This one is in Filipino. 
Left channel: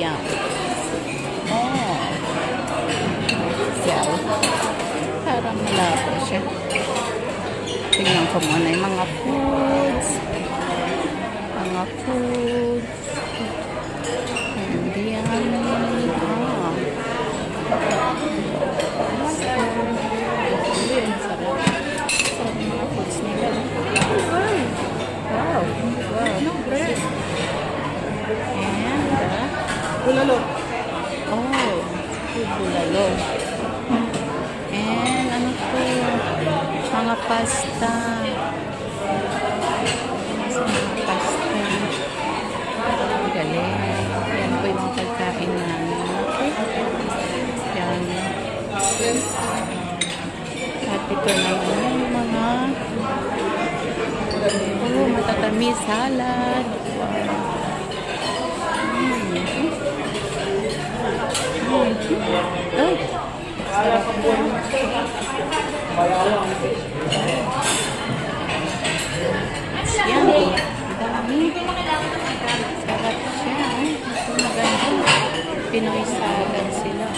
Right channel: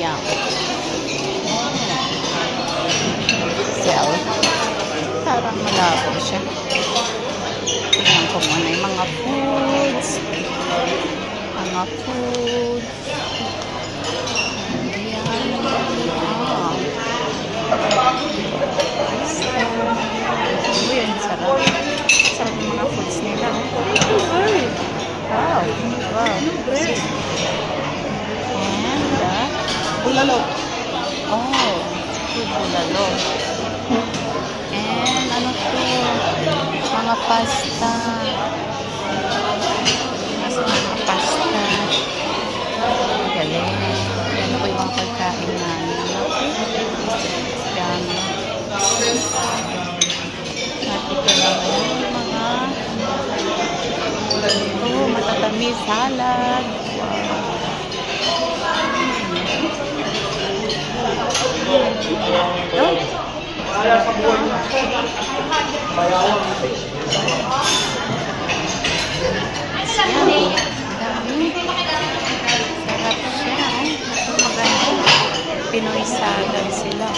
Yum. Sell. Parang malabo siya. Tingnan ko muna yung mga foods. Mga foods. And yan. Yun, sarap. Sarap yung mga foods nila. Wow. Wow. And bulalo. Oh, bulalo. And ano po? Mga pasta. Mga pasta. Galing. Yan po yung mga pagkain namin. Yan. At ito naman yung mga matatamis salad. Oh, sarap po. Sarap siya. Maganda. Pinoy salad sila.